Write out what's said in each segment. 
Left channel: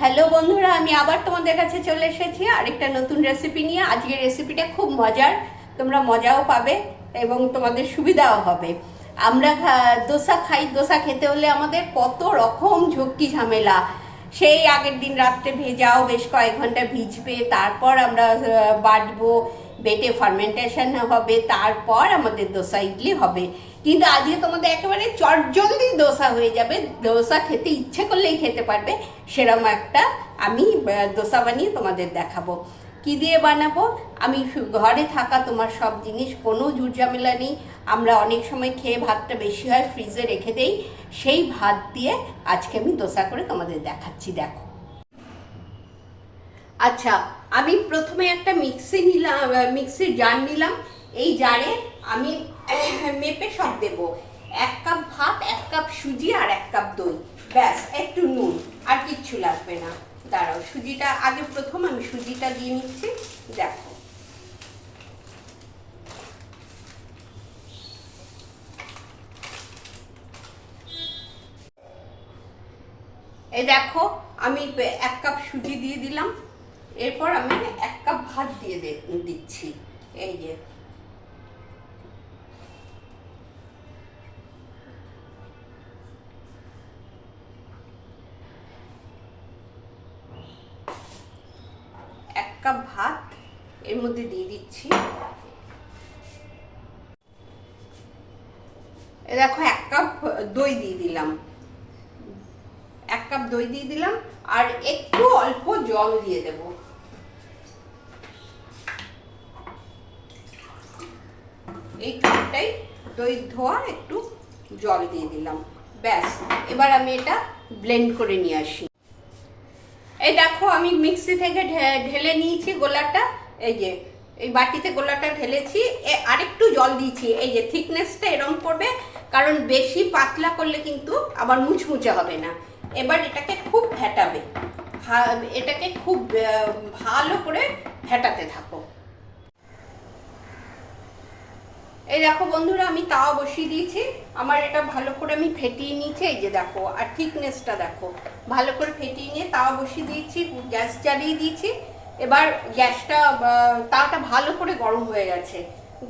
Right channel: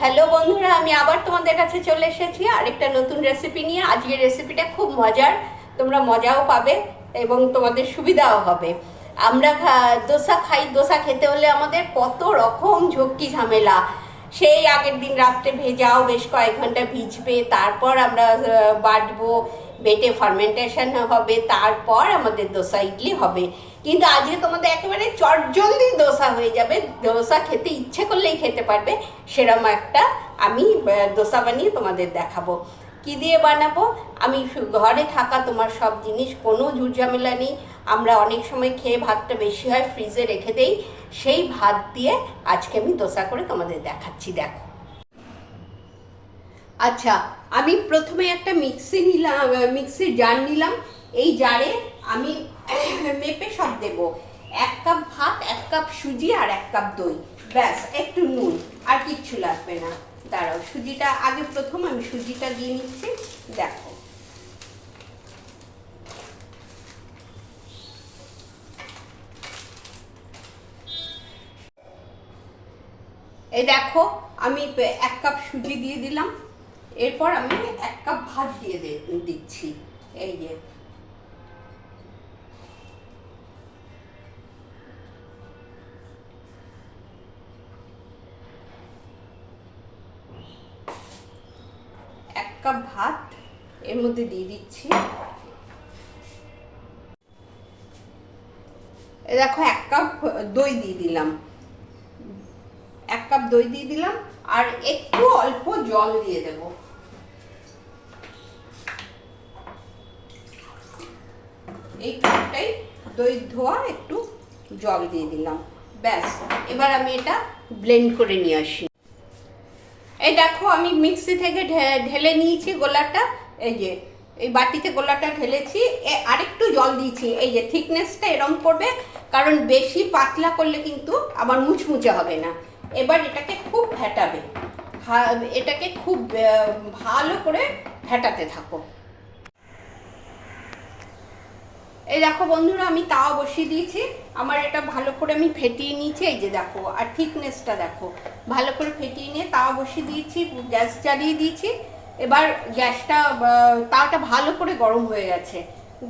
Hello বন্ধুরা, আমি আবার তোমাদের কাছে চলে এসেছি আরেকটা নতুন রেসিপি নিয়ে। আজকের রেসিপিটা খুব মজার, তোমরা মজাও পাবে এবং তোমাদের সুবিধাও হবে। আমরা দোসা খাই, দোসা খেতে হলে আমাদের কত রকম ঝক্কি ঝামেলা। সেই আগের দিন রাত্রে ভেজাও, বেশ কয়েক ঘন্টা ভিজবে, তারপর আমরা বাটবো, বেটে ফার্মেন্টেশন হবে, তারপর আমাদের দোসা ইডলি হবে। কিন্তু আজকে তোমাদের একেবারে চটজলদি দোসা হয়ে যাবে, দোসা খেতে ইচ্ছে করলেই খেতে পারবে, সেরকম একটা আমি দোসা বানিয়ে তোমাদের দেখাবো। কি দিয়ে বানাবো? আমি ঘরে থাকা তোমার সব জিনিস, কোনো ঝুটঝামেলা নেই। আমরা অনেক সময় খেয়ে ভাতটা বেশি হয়, ফ্রিজে রেখে দেই, সেই ভাত দিয়ে আজকে আমি দোসা করে তোমাদের দেখাচ্ছি, দেখো। আচ্ছা, আমি প্রথমে একটা মিক্সির জার নিলাম। এই জারে আমি মেপে সব দেব। 1 কাপ ভাত, 1 কাপ সুজি আর 1 কাপ দই, ব্যাস, একটু নুন, আর কিচ্ছু লাগবে না। দাঁড়াও, সুজিটা আগে প্রথম আমি সুজিটা দিয়ে নিচ্ছি, দেখো। এই দেখো, আমি 1 কাপ সুজি দিয়ে দিলাম। এরপর আমি 1 কাপ ভাত দিয়ে দিচ্ছি। এই যে, এক কাপ ভাত এর মধ্যে দিয়ে দিচ্ছি। দেখো, 1 কাপ দই দিয়ে দিলাম, 1 কাপ দই দিয়ে দিলাম, আর একটু অল্প জল দিয়ে দেব। এইটাই দই ধোয়া একটু জল দিয়ে দিলাম, ব্যাস। এবার আমি এটা ব্লেন্ড করে নিয়ে আসি। এই দেখো, আমি মিক্সি থেকে ঢেলে নিয়েছি গোলাটা। এই যে, এই বাটিতে গোলাটা ঢেলেছি, আরেকটু জল দিয়েছি। এই যে থিকনেসটা এরকম করবে, কারণ বেশি পাতলা করলে কিন্তু আবার মুচমুচে হবে না। এবার এটাকে খুব ফেটাবে, এটাকে খুব ভালো করে ফেটাতে থাকো। এই দেখো বন্ধুরা, আমি তাওয়া বসিয়ে দিয়েছি, আমার এটা ভালো করে আমি ফেটিয়ে নিয়েছি। এই যে দেখো, আর থিকনেসটা দেখো, ভালো করে ফেটিয়ে নিয়ে তাওয়া বসিয়ে দিয়েছি, গ্যাস জ্বালিয়ে দিয়েছি। এবার তাওয়াটা ভালো করে গরম হয়ে গেছে,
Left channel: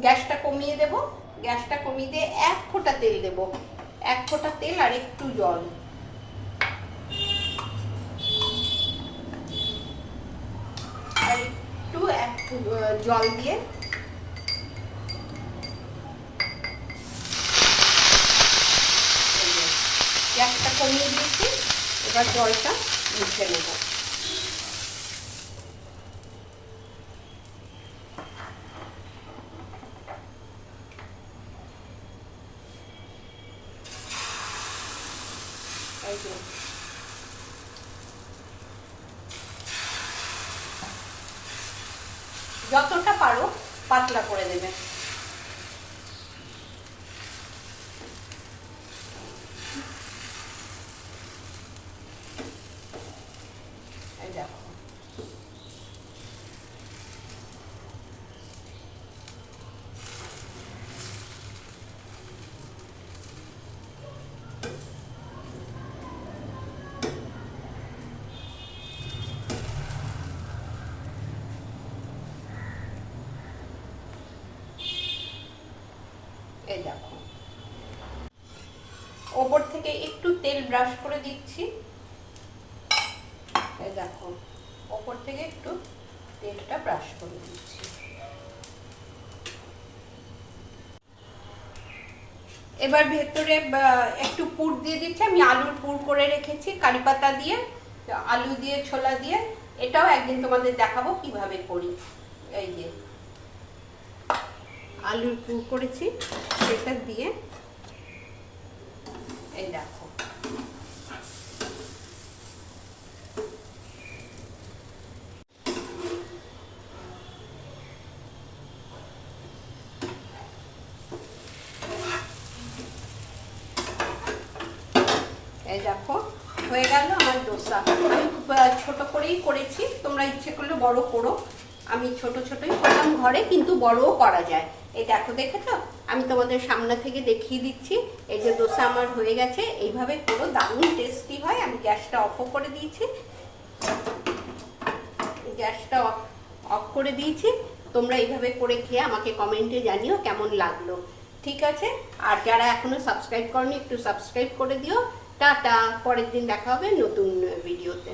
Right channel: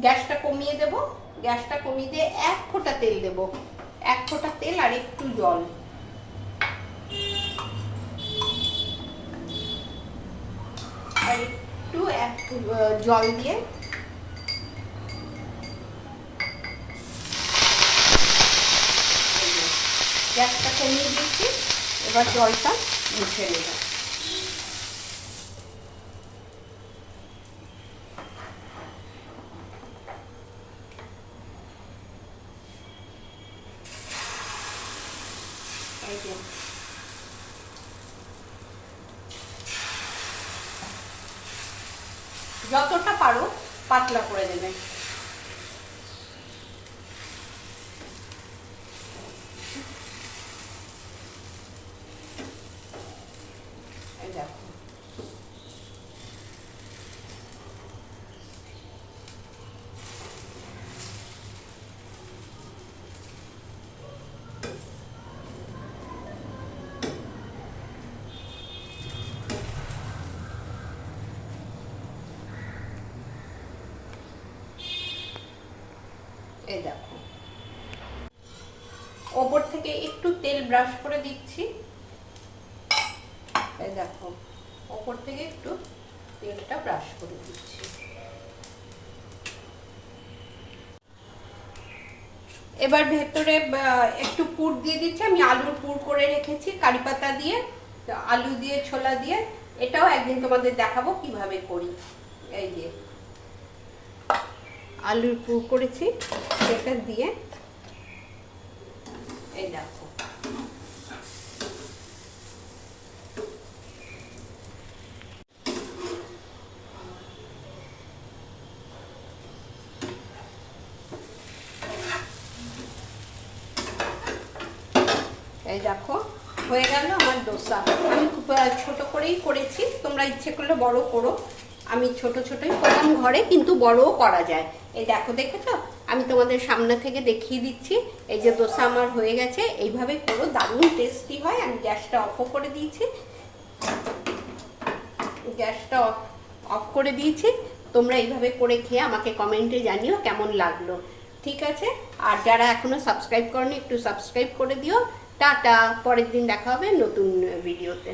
গ্যাসটা কমিয়ে দেব। গ্যাসটা কমিয়ে দিয়ে 1 ফোঁটা তেল দেব, 1 ফোঁটা তেল আর একটু জল। আর একটু জল দিয়ে গ্যাসটা কমিয়ে দিয়েছি। এবার জলটা মুছে নেব। যতটা পারো পাতলা করে দেবে। দেখো, এই দেখো, ওপর থেকে একটু তেল ব্রাশ করে দিচ্ছি। এই দেখো, ওপর থেকে একটু তেলটা ব্রাশ করে দিচ্ছি। এবার ভেতরে একটু পুর দিয়ে দিচ্ছি। আমি আলুর পুর করে রেখেছি কারি পাতা দিয়ে, আলু দিয়ে, ছোলা দিয়ে। এটাও একদিন তোমাদের দেখাবো কিভাবে করি। এই যে আলুর পুর করেছি, সেটা দিয়ে এই দেখো, এই দেখো হয়ে গেল আমার দোসা। আমি ছোট করেই করেছি, তোমরা ইচ্ছে করলে বড় করো। আমি ছোট ছোটই করলাম ঘরে, কিন্তু বড়ও করা যায়। এই দেখো, দেখেছো? আমি তোমাদের সামনে থেকে দেখিয়ে দিচ্ছি। এই যে দোসা আমার হয়ে গেছে, এইভাবে করো, দারুণ টেস্টি হয়। আমি গ্যাসটা অফও করে দিয়েছি। গ্যাসটা অফ করে দিয়েছি। তোমরা এইভাবে করে খেয়ে আমাকে কমেন্টে জানিও কেমন লাগলো। ঠিক আছে, আর যারা এখনো সাবস্ক্রাইব করনি একটু সাবস্ক্রাইব করে দিও। টাটা, পরের দিন দেখা হবে নতুন ভিডিওতে।